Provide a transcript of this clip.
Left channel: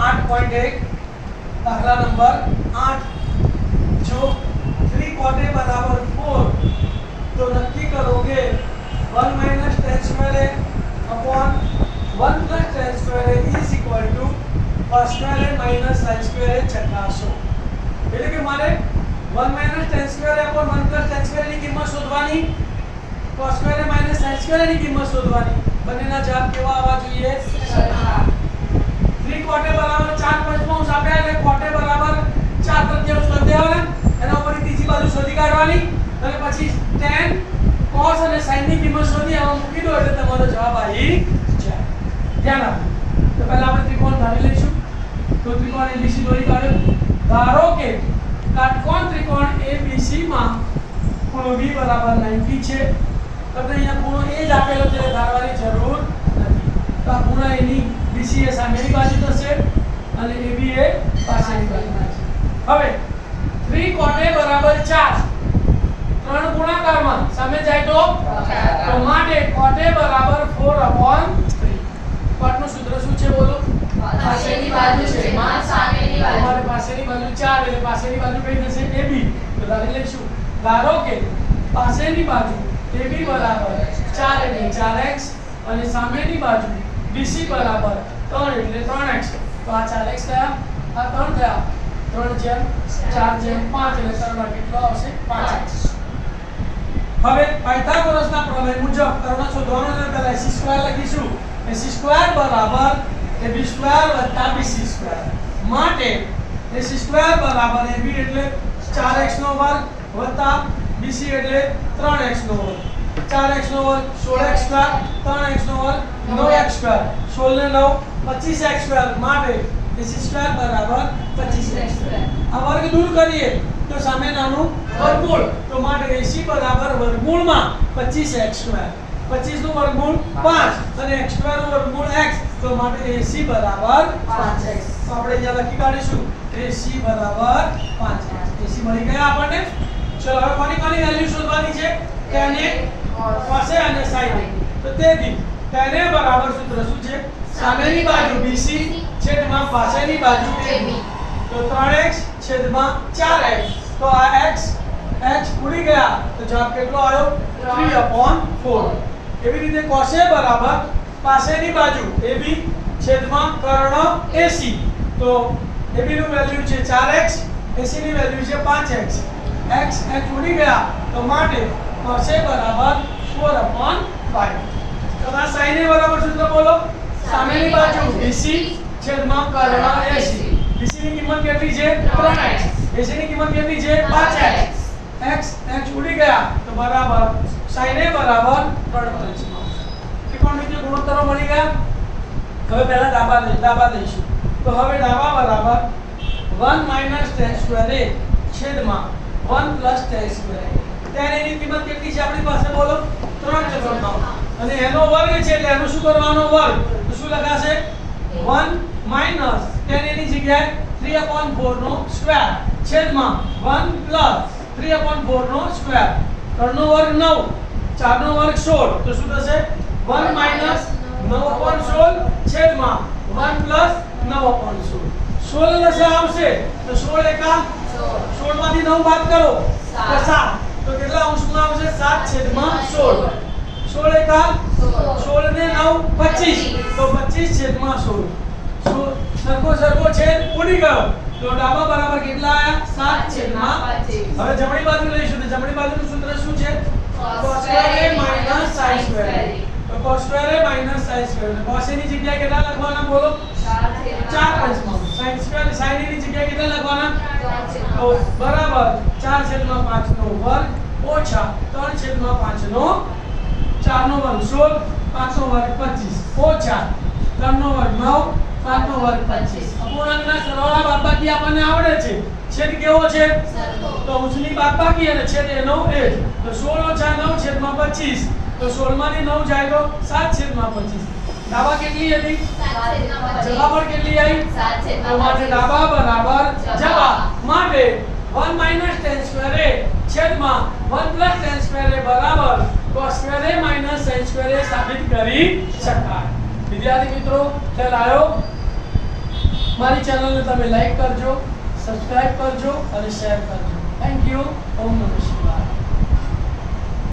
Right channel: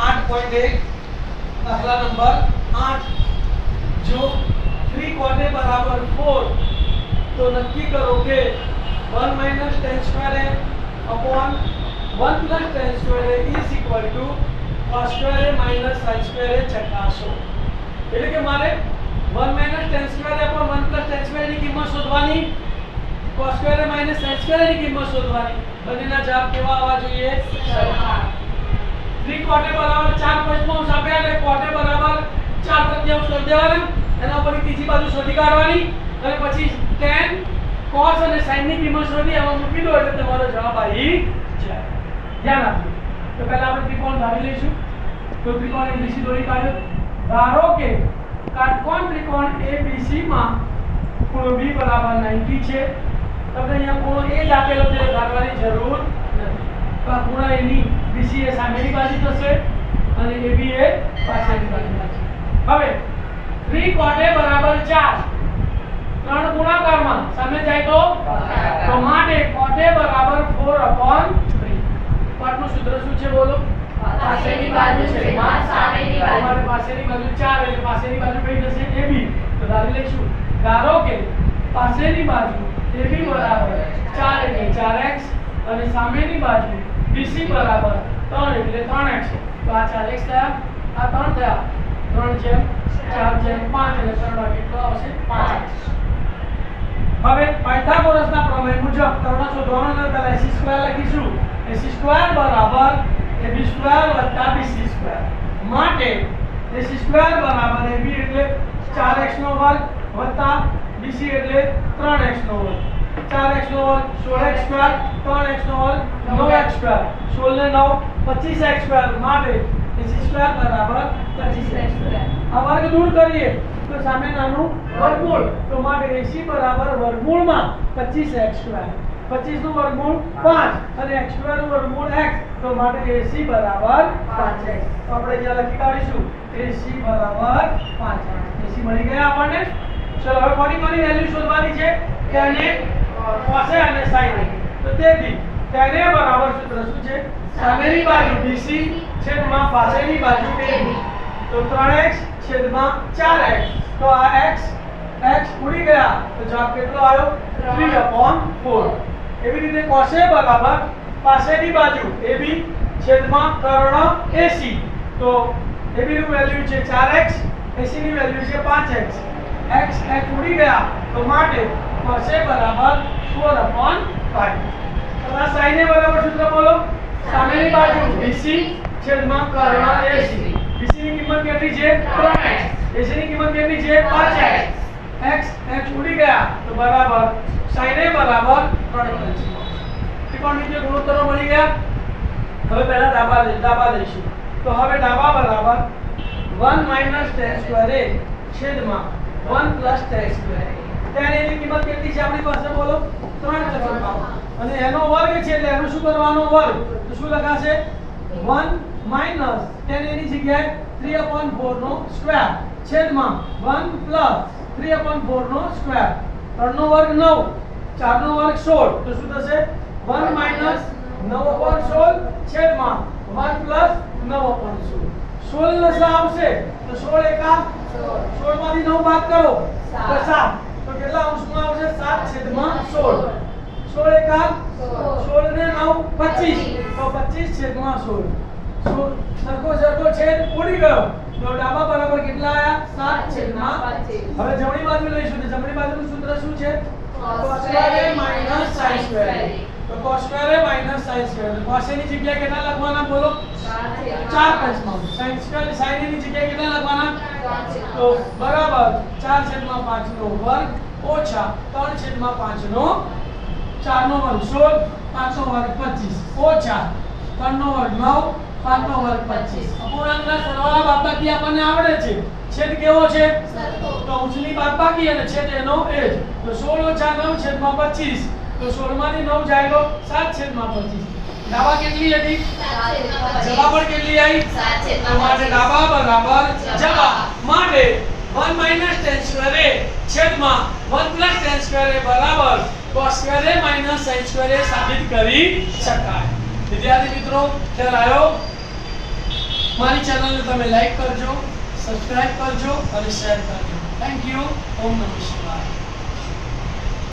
8.1 दाखला नंबर 8 जो 3 cot a बराबर 4 तो नक्की करोगे 1 minus tan square a upon 1 plus tan square a is equal to cos square a minus sin square a ચકાસો એટલે કે મારે 1 minus tan square a upon 1 plus tan square ની કિંમત શોધવાની cos square a minus sin square a ની કિંમત શોધવાની બંનેના જવાબ કેવા આવવા જોઈએ સરખા 3 cot a બરાબર 4 પંચમાંશ આપ્યા એટલે cot a બરાબર 4 તૃતીયાંશ કરી દેવાના એના ઉપર ત્રીજી બાજુ શોધી કાઢવાની અને પછી tan cos અને sin ની કિંમત શોધી આમાં મૂકી દો એટલે તમારો જવાબ આવી જાય ધ્યાન આપજો તો પહેલા આપણે ત્રિકોણ ધારી લઈશું તો ત્રિકોણ ABC દોરી કાઢ્યો ધારો કે કાટકોણ ત્રિકોણ ABC માં ખૂણો B બરાબર 90 છે તમને અહીંયા ખૂણો A જ આપેલો છે ધારવાની જરૂર નથી તો આ ખૂણા A ની BC એ સામેની બાજુ થશે અને AB એ પાછળની બાજુ થશે હવે 3 cot A બરાબર 4 ત્રણ ગુણાકારમાં સામે જાય તો માટે cot A બરાબર 4/3 cot નું સૂત્ર શું છે બોલો પાસેની બાજુ છે માં સામેની બાજુ તમારે પાસેની બાજુ 4 એટલે પાસેની બાજુ કઈ થશે AB તો ધારી લઈશું ધારો કે પાસેની બાજુ AB બરાબર 4 એટલે 4x અને સામેની બાજુ BC બરાબર 3 એટલે 3x તો આ 4x થયા આ 3 થયા 3/4/5 એટલે 3 વાર કેટલો આવશે 5x હવે પાયથાગોરસના પ્રમેય મુજબ કર્ણ શોધવાનો છે પહેલા ac² લખીશું ac² બરાબર ab² + bc² માટે ac² બરાબર ab એટલે 4x નો વર્ગ વત્તા bc એટલે 3x નો વર્ગ 4x નો વર્ગ 16x² 3x નો વર્ગ 9x² 16 ને 9 25x² માટે ac² બરાબર 25x² આ વર્ગ દૂર કરીએ તો સામે નાનું વર્ગમૂળ તો માટે AC બરાબર વર્ગમૂળમાં 25x² 25 નું વર્ગમૂળ 5 અને x² નું વર્ગમૂળ x તો માટે AC બરાબર 5x તો આપણે અહીંયા લખી કાઢીશું AC બરાબર 5x AC મળી ગયા આપણને ચલો હવે કોની વેલ્યુ શોધવાની છે tan A cos A અને sin A તો તેથી tan A બરાબર સૂત્ર શું છે સામેની બાજુ BC છેદમાં પાછળની બાજુ AB તો 3x છેદમાં 4x તો આ x ઉડી ગયા તો જવાબ કેટલો આવ્યો 3/4 એવી રીતે cos A બરાબર પાછળની બાજુ AB છેદમાં કર્ણ AC તો AB નું વેલ્યુ છે 4x AC ની વેલ્યુ છે 5x x ઉડી ગયા તો માટે cos A બરાબર 4/5 તો આ sin A બરાબર સૂત્ર બોલો સામેની બાજુ BC છેદમાં કર્ણ AC BC ની કિંમત કેટલી છે 3x AC ની કિંમત કેટલી છે 5x x ઉડી ગયા તો બરાબર sin A બરાબર 3x ત્રિકોણ નીચે ગુણોત્તરો મળી ગયા હવે પહેલા ડાબા લઈશું તો હવે ડાબા બરાબર 1 tan square A છેદમાં 1 tan square A tan A ની કિંમત કેટલી છે આપણી પાસે બોલો 3/4 અને એનો વર્ગ છે એટલે એનું શું કરવાનો વર્ગ તો શું લખાશે 1 tan A ની જગ્યાએ 3/4 નો સ્ક્વેર છેદમાં 1 3/4 નો સ્ક્વેર 3 નો વર્ગ 9 4 નો વર્ગ 16 તો શું થશે 1 9/16 છેદમાં 1 9/16 16 ને આવશે તો 16 એકા 16 માંથી 9 બાદ કરો તો 7 તો કેટલા અંશમાં આવશે 7/16 16 એકા 16 ને 9 25 તો 25/16 સરખો છેદ ઉડી ગયો તો ડાબા બરાબર કેટલા આયા 7/25 હવે જમણી બાજુ લઈશું તો જમણી બાજુનું સૂત્ર શું છે cos square A minus sin square A તો cos square A minus sin square A cos A ની જગ્યાએ કેટલા લખવાના બોલો 4/5 sin square sin A ની જગ્યાએ કેટલા લખવાના તો બરાબર 4/5 નો વર્ગ ઓછા 3/5 નો 4 નો વર્ગ 16 5 નો વર્ગ 25 ઓછા 3 નો વર્ગ 9 5 નો વર્ગ 25 અપૂર્ણાંકના સરવાળા બાદબાકી આપણને આવડે છે છેદ કેવો છે તો અંશની બાદબાકી અને છેદ એનો એ જ તો 16 - 9 છેદમાં 25 તો 16 માંથી 9 જાય તો 7/25 ડાબા કેટલી હતી જવાબ પર કેટલી આવી 7/25 તો માટે ડાબા બરાબર જવાબ માટે 1 tan square A છેદમાં 1 tan square A બરાબર cos square A sin square A સાબિત કરી શકાય વિદ્યાર્થી મિત્રો ખ્યાલ આવ્યો મારી ચેનલને તમે લાઈક કરજો, સબસ્ક્રાઇબ કરજો અને શેર કરજો. Thank you. ઓમ નમઃ શિવાય.